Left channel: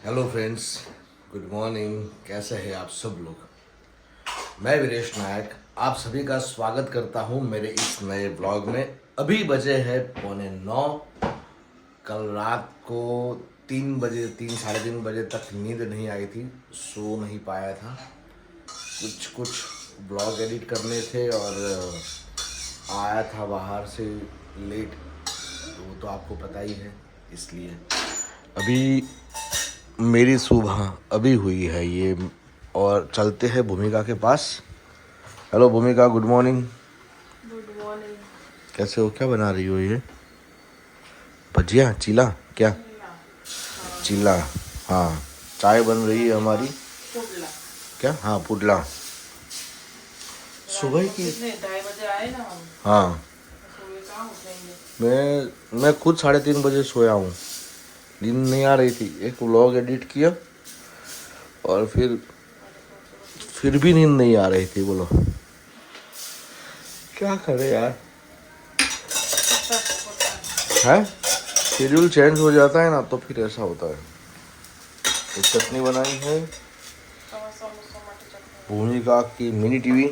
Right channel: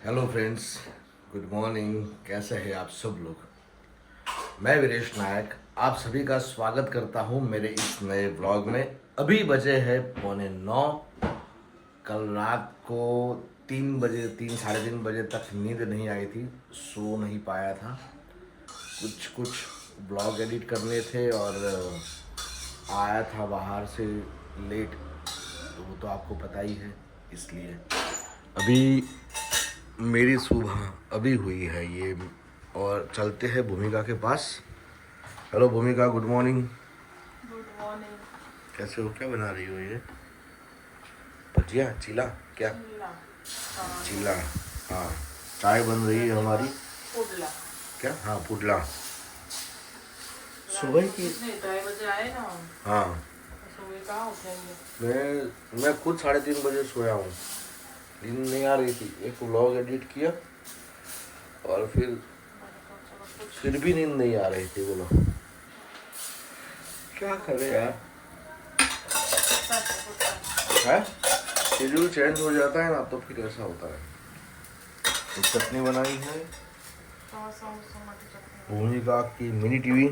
Hello friends, good morning. कैसे हैं आप सब लोग। मैं वीरेश नायक आप सभी का स्वागत करता हूं मेरे इस नए ब्लॉग में। अभी बजे है 8:45। कल रात को 3 बजे 3 साढ़े 3 बजे तक नींद नहीं आई थी, सो नहीं पाया था। कुछ ब्लॉग एडिट करने थे और आया था बाहर से लेट, तो वो तो आपको पता ही है। इसलिए अभी मेरी सुबह अभी हुई है ये, और चलते हैं भूमिका के पास। हेलो भूमिका, गुड मॉर्निंग। Good morning. कैसे हो, क्या बना रही हो ये? भजिया, चीला? क्या चीला? हाँ, चाय बन रही है हमारी। पुडला। क्या? हाँ, पुडला। सुबह की? कितने 2:30 बजे आए ना हम। हाँ, सुबह कहाँ उठेंगे। मैं खुद 3:30 बजे सोया हूँ। नींद नहीं आ रही थी, एक व्लॉग एडिट किया और फिर भी नींद नहीं आ रही थी। बोलो क्या करे यार। है, शेड्यूल चेंज हो जाता है ना, तो फिर ऐसा होता है। एक चटनी बनाई है भूमिका की मिनी टीवी।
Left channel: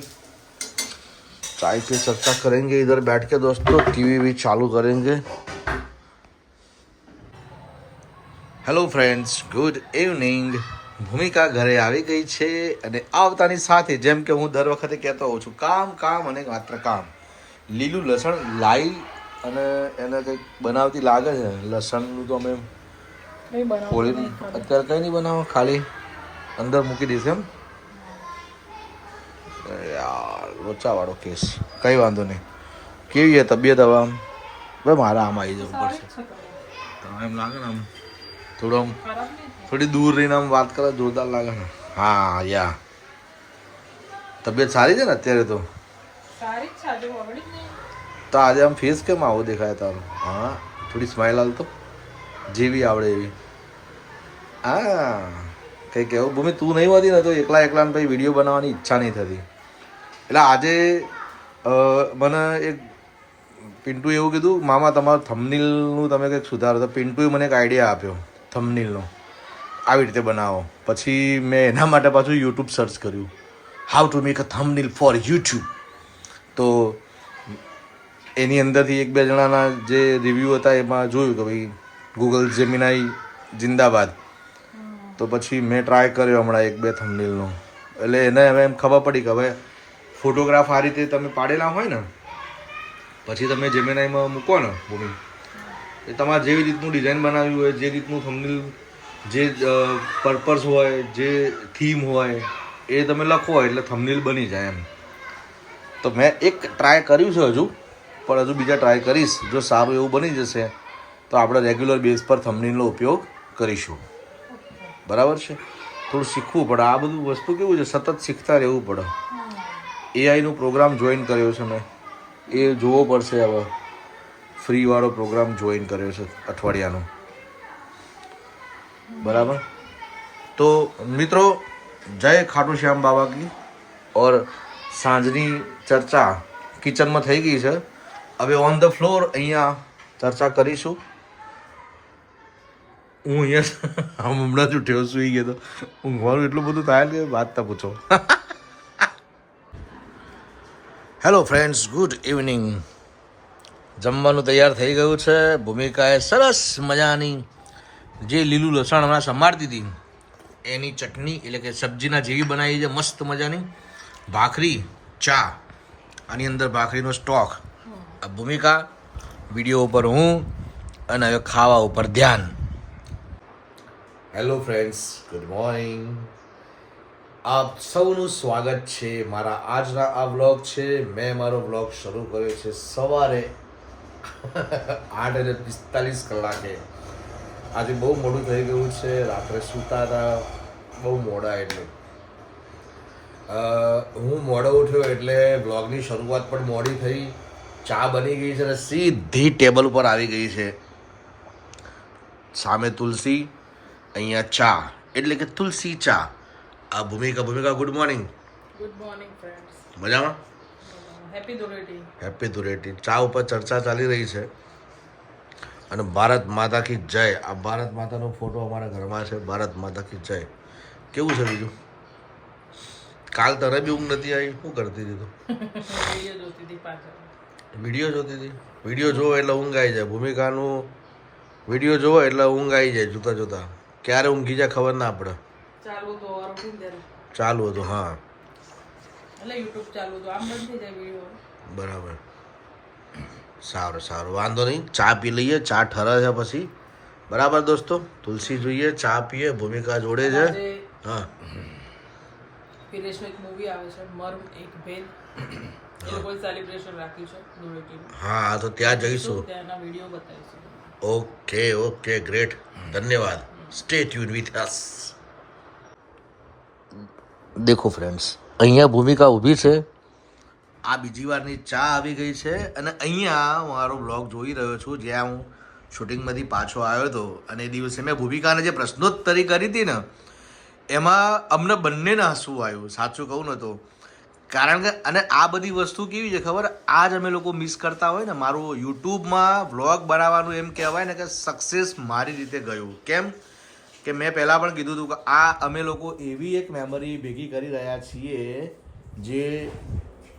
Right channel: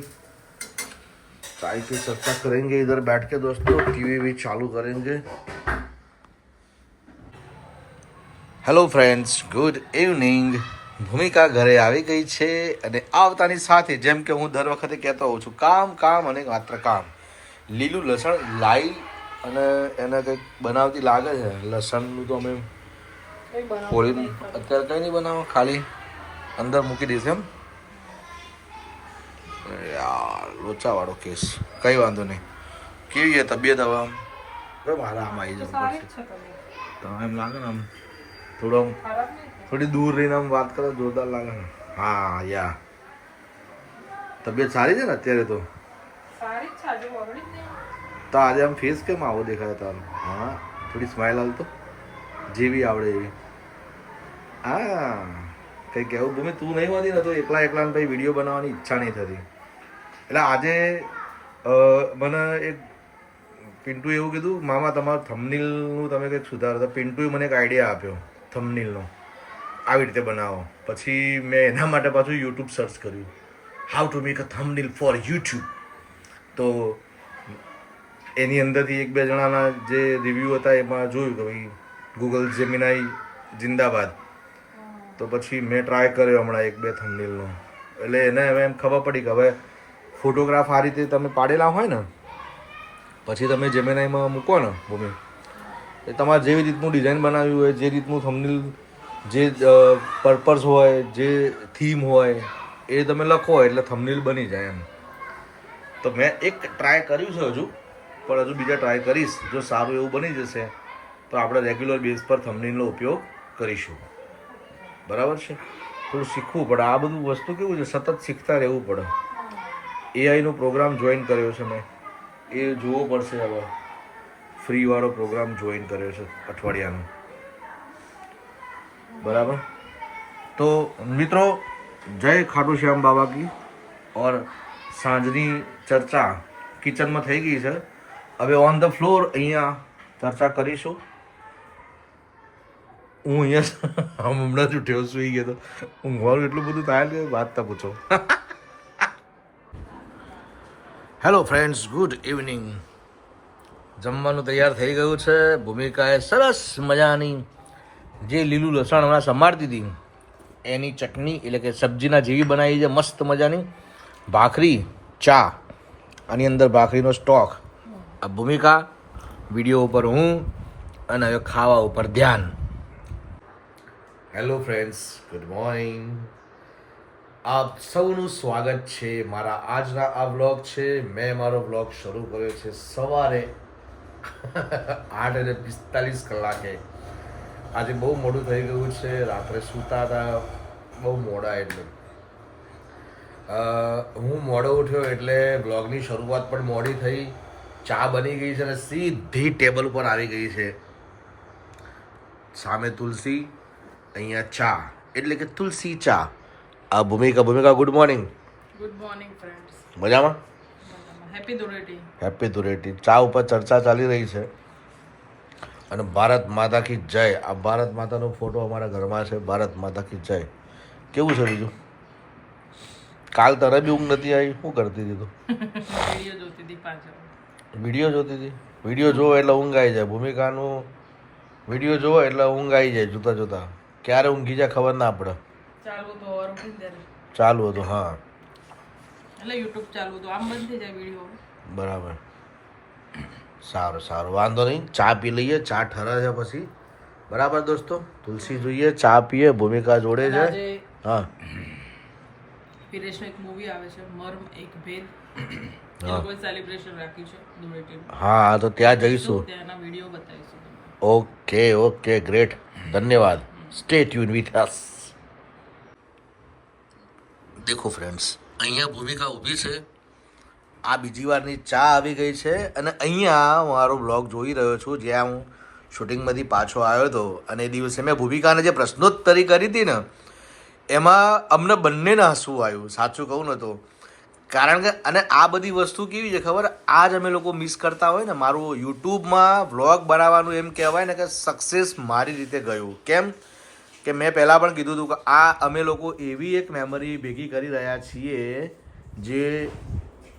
चाय पे चर्चा करेंगे इधर बैठ के दोस्तों, टीवी भी चालू करेंगे। Hello friends, good evening. ભૂમિકા ઘરે આવી ગઈ છે અને આવતાની સાથે જેમ કે હું દર વખતે કહેતો હોઉં છું, કામ કામ અને માત્ર કામ। લીલું લસણ લાવી અને એને કંઈક બનાવતી લાગે છે। લસણનું તો અમે ફોડી અત્યારે કંઈ નહીં બનાવો, ખાલી અંદર મૂકી દઈશ એમ। યાર લોચાવાળો કેસ, કંઈ વાંધો નહીં। કેવી છે તબિયત હવે? આમ ભાઈ મારા આમ આવી જવું પડશે, તો એમ લાગે ને આમ થોડું આમ થોડી दूर રહીને આમ વાત કરે જોરદાર લાગે ને। હા યા તબિયત સારી છે ને અત્યારે? તો તો આજે આમ ફેસ કેમ આવો દેખાય તારો? હા, થોડી સ્માઇલ હાલ તો, જેવી આવડે એવી। હા, કંઈ કહેવું ભૂમિ તું નહીં હોતી ને તો એકલાને પછી વિડીયો બનાવવાની ઈચ્છા નહીં થતી। એટલે આજે મને એક પિન્ટુએ એવું કીધું, મામા તમારું થંબનેલનું તમે કંઈક સુધારો। તો પિન્ટુએ મને એક આઈડિયા આપ્યો થંબનેલનો, આવી રીતે બનાવો। પછી મેં એના માટે પાછું યુટ્યુબ સર્ચ કર્યું, how to make a thumbnail for YouTube. તો એની અંદરથી એક બે જણાના જે રિવ્યૂ હતા એમાં જોયું કે ભાઈ ગૂગલ જેમિનાઈ જિંદાબાદ। તો પછી મેં ટ્રાય કર્યો હમણાં એક બે થંબનેલનો, એટલે એને હવે એમ ખબર પડી કે હવે ફોટોગ્રાફ આ રીતે તમે પાડેલા હોય ને, પછી તમે જેમિનાઈમાં મૂકો ને ભૂમિ, એ તમારે જેવી રીતનું ડિઝાઇન બનાવ્યું હોય, જે રીતનું થંબનેલ, જે પર્પઝ હોય, જે થીમ હોય એ તમે લખો એટલે થંબનેલ બની જાય એમ। તો મેં એક ટ્રાય કર્યું છે હજુ, પણ હજુ બીજા ટ્રાય કરીશ। જો સારું એવું બની જશે તો આપણે રેગ્યુલર બેઝ પર થંબનેલનો ઉપયોગ કરીશું। બરાબર છે? થોડું શીખવું પડે, આ બધું વસ્તુ કેવું છે, સતત શીખતા રહેવું પડે। એઆઈનો પ્રોગ્રામ જોઈન કર્યો છે મેં, એ જોવો પડશે હવે। ફ્રીવાળો પ્રોગ્રામ જોઈન કર્યો છે અઠવાડિયાનો, બરાબર। તો મિત્રો, જય ખાટુ શ્યામ બાબા કી। ઓર સાંજની ચર્ચા કિચનમાં થઈ ગઈ છે, હવે ઓન ધ ફ્લોર અહીંયા ચર્ચા કરીશું। હું અહીંયા હમણાં જ ઉઠ્યો, સુઈ ગયો તો ઊંઘવાનું એટલું બધું થાય કે વાત તા પૂછો। Hello friends, good evening. જમવાનું તૈયાર થઈ ગયું છે। ભૂમિકાએ સરસ મજાની જે લીલું લસણ હમણાં સમારતી હતી એની ચટણી એટલે કે સબ્જીના જેવી બનાવી છે, મસ્ત મજાની। ભાખરી, ચા, આની અંદર ભાખરીનો સ્ટોક। આ ભૂમિકા, વિડીયો ઉપર હું, અને હવે ખાવા ઉપર ધ્યાન। Hello friends, good morning. આપ સૌનું સ્વાગત છે મારા આજના આ વ્લોગ છે। મેં મારો વ્લોગ શરૂ કર્યો છે સવારે 8:45 આજે બહુ મોડું થઈ ગયું છે, રાત્રે સૂતા હતા બહુ મોડા, એટલે હું મોડો ઉઠ્યો એટલે વ્લોગની શરૂઆત પણ મોડી થઈ। ચા બની ગઈ છે અને સીધી ટેબલ ઉપર આવી ગઈ છે। સામે તુલસી, અહીંયા ચા, એટલે કે તુલસી ચા। આ ભૂમિકા, good morning. Good morning friends. મજામાં? હેપી ધૂળેટી। હેપી ધૂળેટી। ચા ઉપર ચર્ચા ચાલી રહી છે। અને ભારત માતા કી જય. આ ભારત માતાનો ફોટો અમારા ઘરમાં છે. ભારત માતા કી જય. કેવું છે બીજું? કાલ તને બી ઊંઘ નથી આવી? શું કરતી હતી તું? વિડીયો જોતી હતી પાછળ. વિડીયો જોતી હતી? વિડીયો જોવો એટલે ઊંઘ આવી જાય. ભૂમિકાનું વિડીયો જોવો એટલે ઊંઘ આવી જાય જોતા જોતા. ક્યારે ઊંઘી જાય ખબર ના પડે. ચાલુ તો ઓવર ઉઠી ત્યારે ચાલુ હતું, હા એટલે યુટ્યુબ ચાલુ તો આમ બંધ થઈ જાય વિડીયો. બરાબર. સારું સારું, વાંધો નહીં. ચા પી લઈએ. ચા ઠરે છે પછી. બરાબર દોસ્તો, તુલસી જોઈએ, ચા પીએ. ભૂમિકા જોડે છે. આજે હા, વિદેશનું એક મૂવી આવે છે મર્મ એક ભેદ. એ લોકોએ સેલિબ્રેશન રાખ્યું છે ધૂળેટીનું. હા તો ત્યાં જઈશું. ત્યાંના વિડીયો બતાવીશું. Okay okay, great. ધન્યવાદ. Stay tune with us. દેખો ફ્રેન્ડ્સ, અહીંયા ભૂમિકા ઊભી છે. આ બીજી વારની ચા આવી ગઈ છે. અને અહીંયા મારો બ્લોગ જોઈ રહ્યો છું, જ્યાં હું શૂટિંગમાંથી પાછો આવ્યો હતો. અને એ દિવસે મેં ભૂમિકાને જે પ્રશ્નોત્તરી કરી હતી ને, એમાં અમને બંનેને હસવું આવ્યું. સાચું કહું ને તો. કારણ કે અને આ બધી વસ્તુ કેવી છે ખબર? આ જ અમે લોકો મિસ કરતા હોય ને. મારું યુટ્યુબમાં વ્લોગ બનાવવાનું એમ કહેવાય ને કે સક્સેસ મારી રીતે ગયું. કેમ કે મેં પહેલાં પણ કીધું હતું કે આ અમે લોકો એવી એક મેમરી ભેગી કરી રહ્યા છીએ, જે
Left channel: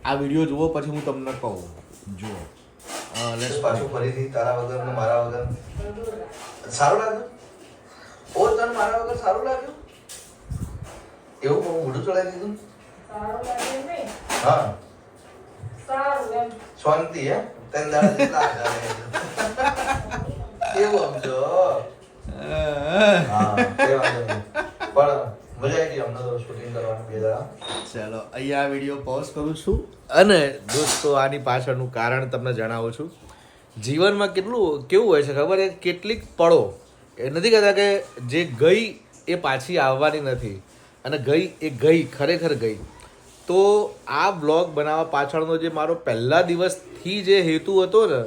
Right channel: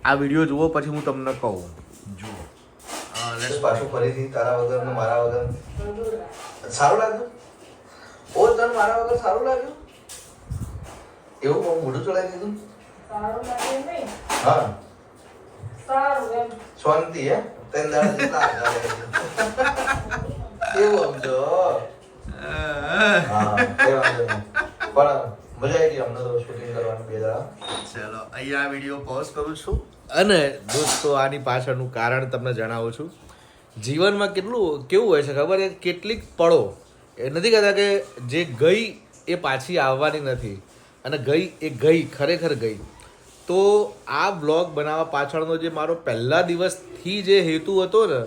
આ વિડીયો જુઓ પછી હું તમને કહું. જુઓ પાછું ફરીથી તારા વગર ને મારા વગર સારું લાગ્યું? ઓ તને મારા વગર સારું લાગ્યું? એવું બહુ મોઢું ચડાવી દીધું? સારું લાગે નહીં? હા, સારું એમ. શાંતિ હે? ત્રણ દાડા જેટલા એવું સમજો. હા, કઈ વાંધો નહીં. પણ મજા આવી ગઈ અમને તો શૂટિંગ કરવાની 2 દાડા. ચાલો, અહીંયા વિડીયો પોઝ કરું છું. અને દોસ્તો, આની પાછળનું કારણ તમને જણાવું છું. જીવનમાં કેવું હોય છે ખબર? કેટલીક પળો એ નથી કહેતા કે જે ગઈ એ પાછી આવવાની નથી, અને ગઈ એ ગઈ, ખરેખર ગઈ. તો આ બ્લોગ બનાવવા પાછળનો જે મારો પહેલા દિવસથી જે હેતુ હતો ને,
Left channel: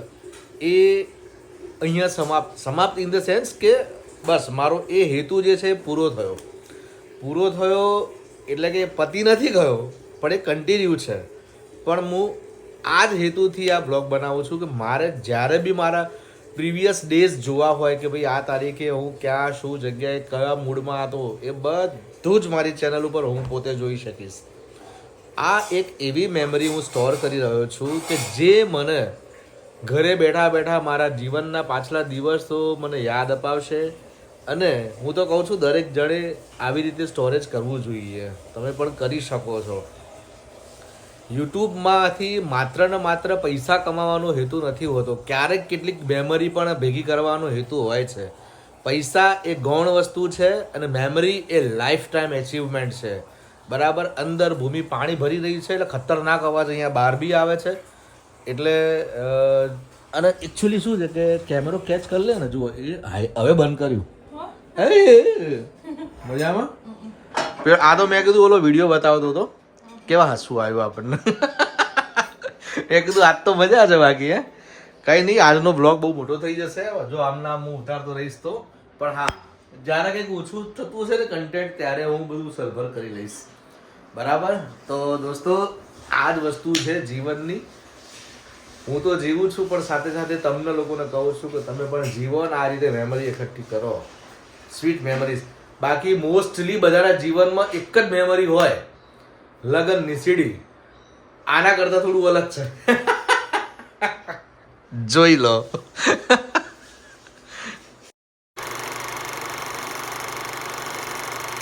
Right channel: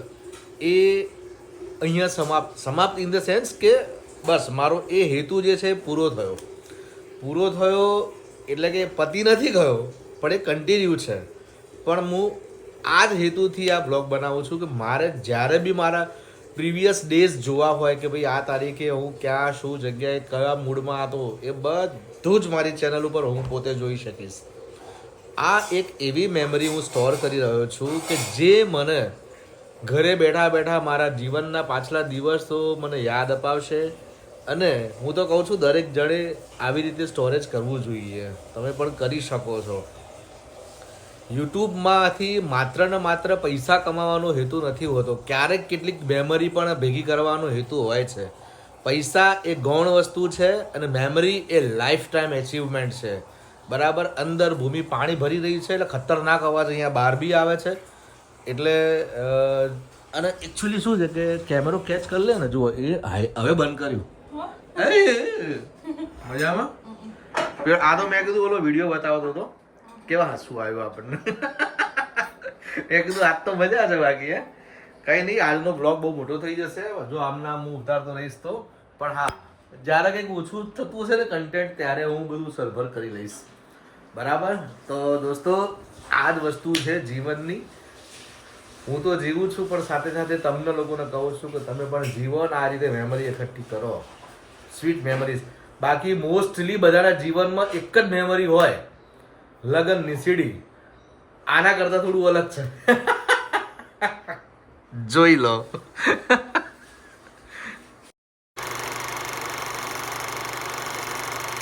એ અહીંયા સમાપ્ત ઇન ધ સેન્સ કે બસ મારો એ હેતુ જે છે એ પૂરો થયો. એટલે કે પતી નથી ગયો, પણ એ કન્ટિન્યુ છે. પણ હું આ જ હેતુથી આ બ્લોગ બનાવું છું કે મારે જ્યારે બી મારા પ્રીવિયસ ડેઝ જોવા હોય કે ભાઈ આ તારીખે હું ક્યાં શું જગ્યાએ કયા મૂડમાં હતો, એ બધું જ મારી ચેનલ ઉપર હું પોતે જોઈ શકીશ. આ એક એવી મેમરી હું સ્ટોર કરી રહ્યો છું કે જે મને ઘરે બેઠા બેઠા મારા જીવનના પાછલા દિવસો મને યાદ અપાવશે. અને હું તો કહું છું દરેક જણે આવી રીતે સ્ટોરેજ કરવું જોઈએ. તમે પણ કરી શકો છો. યુટ્યુબમાંથી માત્ર ને માત્ર પૈસા કમાવાનો હેતુ નથી હોતો. ક્યારેક કેટલીક મેમરી પણ ભેગી કરવાનો હેતુ હોય છે. પૈસા એ ગૌણ વસ્તુ છે અને મેમરી એ લાઈફ ટાઈમ એચિવમેન્ટ છે. બરાબર. અંદર ભૂમિ પાણી ભરી રહી છે એટલે ખતરનાક અવાજ અહીંયા બહાર બી આવે છે. એટલે અને એકચ્યુઅલી શું છે કે કેમેરો કેચ કરી લે ને. જુઓ, એ હવે બંધ કર્યું. મજામાં? આ તો મેં કીધું ઓલો વિડીયો બતાવતો હતો, કેવા હસવું આવ્યું આપણને. એ કીધું આજ તો મજા છે. બાકી કંઈ નહીં, આજનો બ્લોગ બહુ મોટો થઈ જશે જો આમના હું ઉતારતો રહીશ તો. પણ હા, જ્યારે કંઈક ઓછું થતું હશે ને કન્ટેન્ટ, ત્યારે હું બધું સરભર કરી લઈશ. બરાબર. તો દોસ્તો, આ જ વસ્તુ છે જીવનની. હું તો જીવું છું, પણ સાથે સાથે તમને લોકોને કહું છું કે તમે પણ જીવો ને આ રીતે મેમરી એકઠી કરો. Sweet memories. બાકી મોસ્ટલી બધાના જીવનમાં એક જ મેમરી હોય, લગનની સીડી. આના કરતાં થોડું અલગ છે. જોઈ લો.